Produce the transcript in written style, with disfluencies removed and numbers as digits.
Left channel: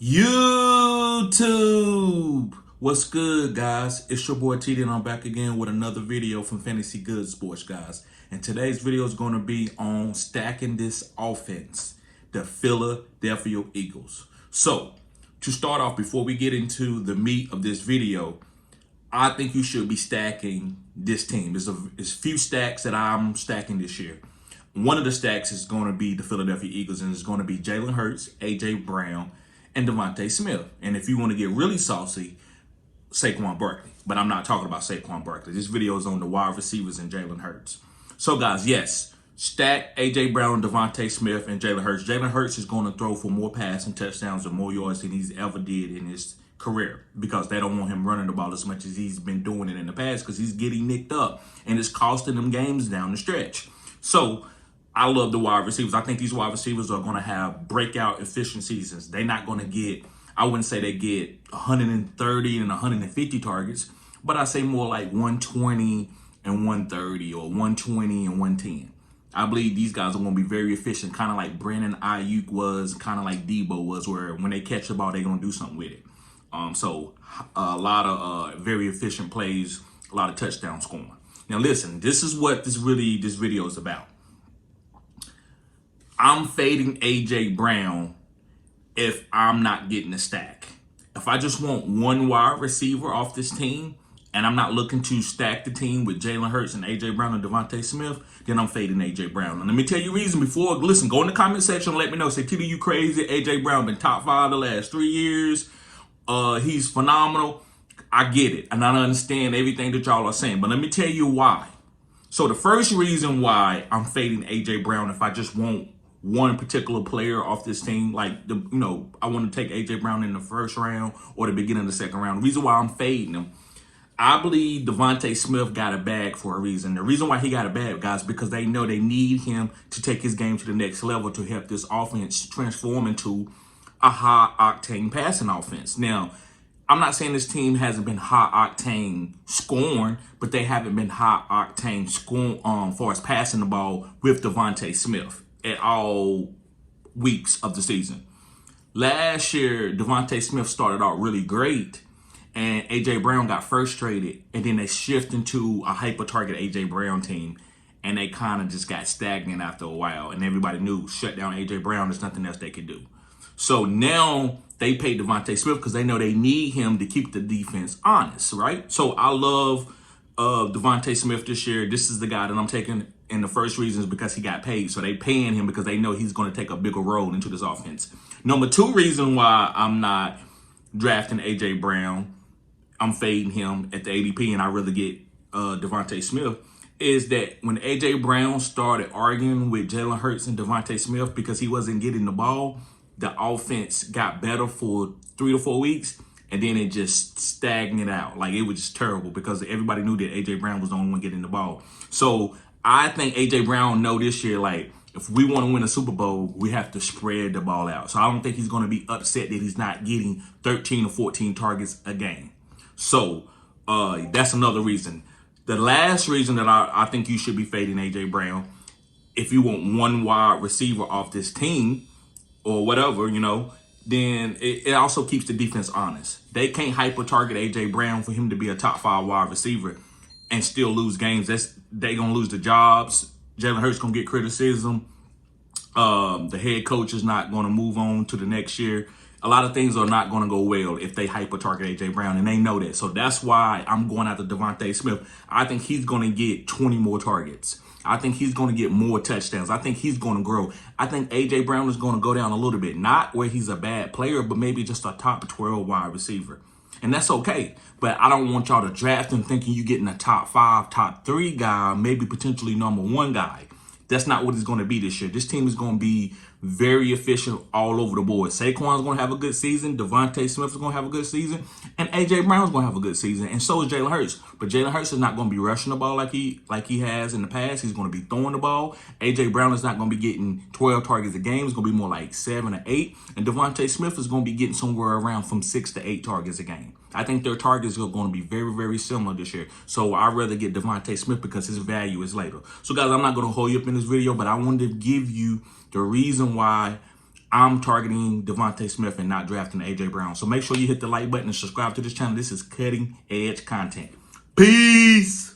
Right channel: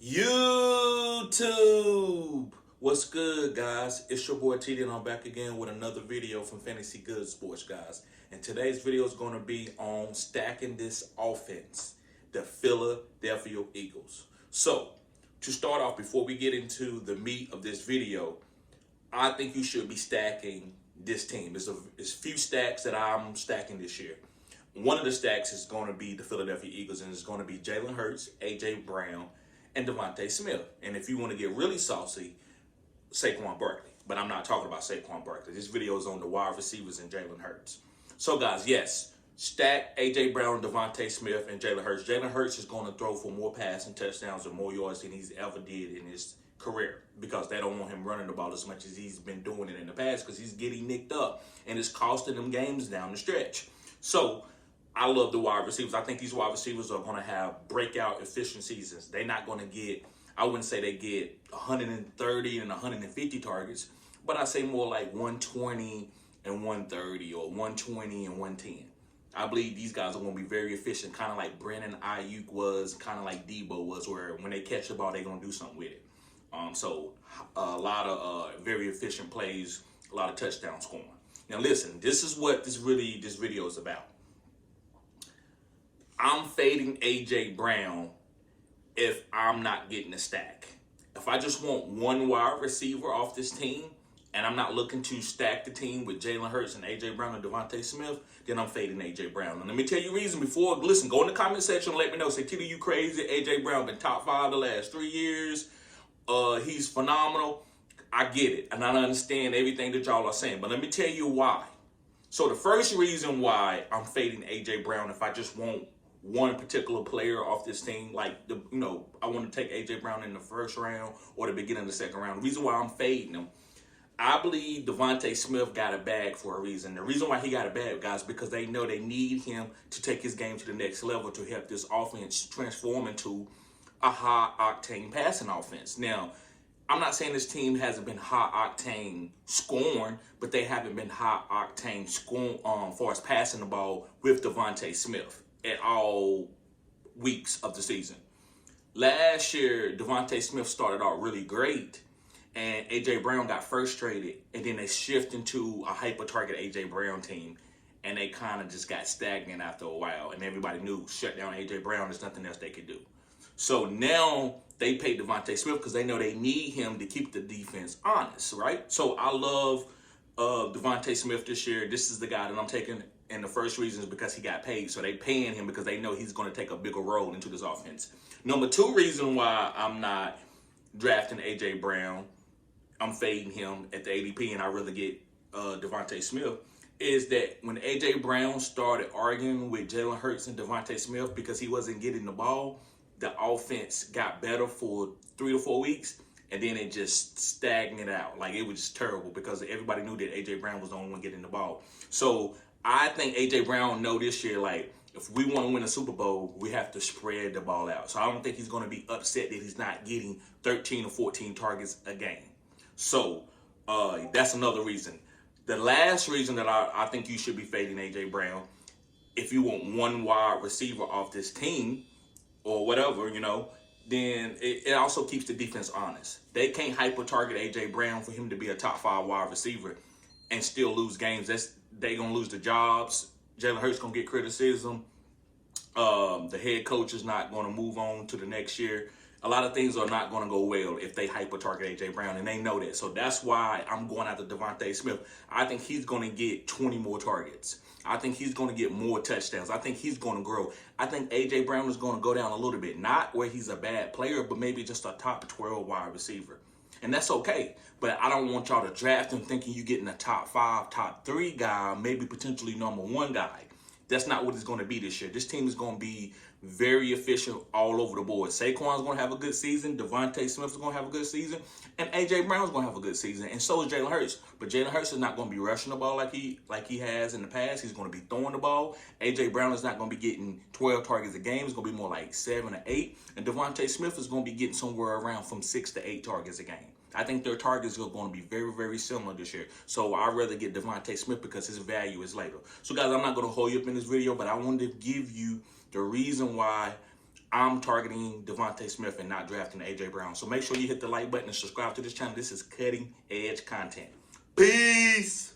YouTube, what's good, guys? It's your boy TD, and I'm back again with another video from Fantasy Good Sports, guys. And today's video is going to be on stacking this offense, the Philadelphia Eagles. So, to start off, before we get into the meat of this video, I think you should be stacking this team. There's a few stacks that I'm stacking this year. One of the stacks is going to be the Philadelphia Eagles, and it's going to be Jalen Hurts, A.J. Brown, and DeVonta Smith. And if you want to get really saucy, Saquon Barkley. But I'm not talking about Saquon Barkley. This video is on the wide receivers and Jalen Hurts. So, guys, yes, stack A.J. Brown, DeVonta Smith, and Jalen Hurts. Jalen Hurts is going to throw for more passing touchdowns and more yards than he's ever did in his career, because they don't want him running the ball as much as he's been doing it in the past, because he's getting nicked up and it's costing them games down the stretch. So I love the wide receivers. I think these wide receivers are going to have breakout efficient seasons. They're not going to get, I wouldn't say they get 130 and 150 targets, but I say more like 120 and 130 or 120 and 110. I believe these guys are going to be very efficient, kind of like Brandon Ayuk was, kind of like Debo was, where when they catch the ball, they're going to do something with it. So a lot of very efficient plays, a lot of touchdown scoring. Now listen, this is what this video is about. I'm fading A.J. Brown if I'm not getting a stack. If I just want one wide receiver off this team and I'm not looking to stack the team with Jalen Hurts and A.J. Brown and DeVonta Smith, then I'm fading A.J. Brown. And let me tell you the reason before. Listen, go in the comment section and let me know. Say, TD, you crazy? A.J. Brown been top 5 the last 3 years. He's phenomenal. I get it. And I understand everything that y'all are saying. But let me tell you why. So the first reason why I'm fading A.J. Brown, if I just want one particular player off this team, like, I want to take A.J. Brown in the first round or the beginning of the second round. The reason why I'm fading him, I believe Devonte Smith got a bag for a reason. The reason why he got a bag, guys, because they know they need him to take his game to the next level to help this offense transform into a high-octane passing offense. Now, I'm not saying this team hasn't been high-octane scoring, but they haven't been high-octane scoring far as passing the ball with Devonte Smith at all weeks of the season. Last year, Devonte Smith started out really great, and A.J. Brown got frustrated, and then they shifted into a hyper-target A.J. Brown team, and they kind of just got stagnant after a while, and everybody knew, shut down A.J. Brown, there's nothing else they could do. So now they paid Devonta Smith because they know they need him to keep the defense honest, right? So I love Devonta Smith this year. This is the guy that I'm taking, and the first reason is because he got paid. So they paying him because they know he's going to take a bigger role into this offense. Number 2 reason why I'm not drafting A.J. Brown, I'm fading him at the ADP, and I rather get Devonta Smith, is that when A.J. Brown started arguing with Jalen Hurts and Devonta Smith because he wasn't getting the ball, the offense got better for 3 to 4 weeks, and then it just stagnated out. Like, it was just terrible because everybody knew that A.J. Brown was the only one getting the ball. So I think A.J. Brown know this year, like, if we want to win a Super Bowl, we have to spread the ball out. So I don't think he's going to be upset that he's not getting 13 or 14 targets a game. So that's another reason. The last reason that I think you should be fading A.J. Brown, if you want one wide receiver off this team, or whatever, then it also keeps the defense honest. They can't hyper-target A.J. Brown for him to be a top 5 wide receiver and still lose games. They going to lose the jobs. Jalen Hurts going to get criticism. The head coach is not going to move on to the next year. A lot of things are not going to go well if they hyper-target A.J. Brown, and they know that. So that's why I'm going after Devonta Smith. I think he's going to get 20 more targets. I think he's going to get more touchdowns. I think he's going to grow. I think A.J. Brown is going to go down a little bit. Not where he's a bad player, but maybe just a top 12 wide receiver. And that's okay. But I don't want y'all to draft him thinking you're getting a top 5, top 3 guy, maybe potentially number 1 guy. That's not what it's going to be this year. This team is going to be very efficient all over the board. Saquon's going to have a good season. Devonta Smith is going to have a good season. And A.J. Brown's going to have a good season. And so is Jalen Hurts. But Jalen Hurts is not going to be rushing the ball like he has in the past. He's going to be throwing the ball. A.J. Brown is not going to be getting 12 targets a game. It's going to be more like 7 or 8. And Devonta Smith is going to be getting somewhere around from 6 to 8 targets a game. I think their targets are going to be very, very similar this year. So I'd rather get Devonta Smith because his value is later. So, guys, I'm not going to hold you up in this video, but I wanted to give you the reason why I'm targeting DeVonte Smith and not drafting AJ Brown. So make sure you hit the like button and subscribe to this channel. This is cutting edge content. Peace.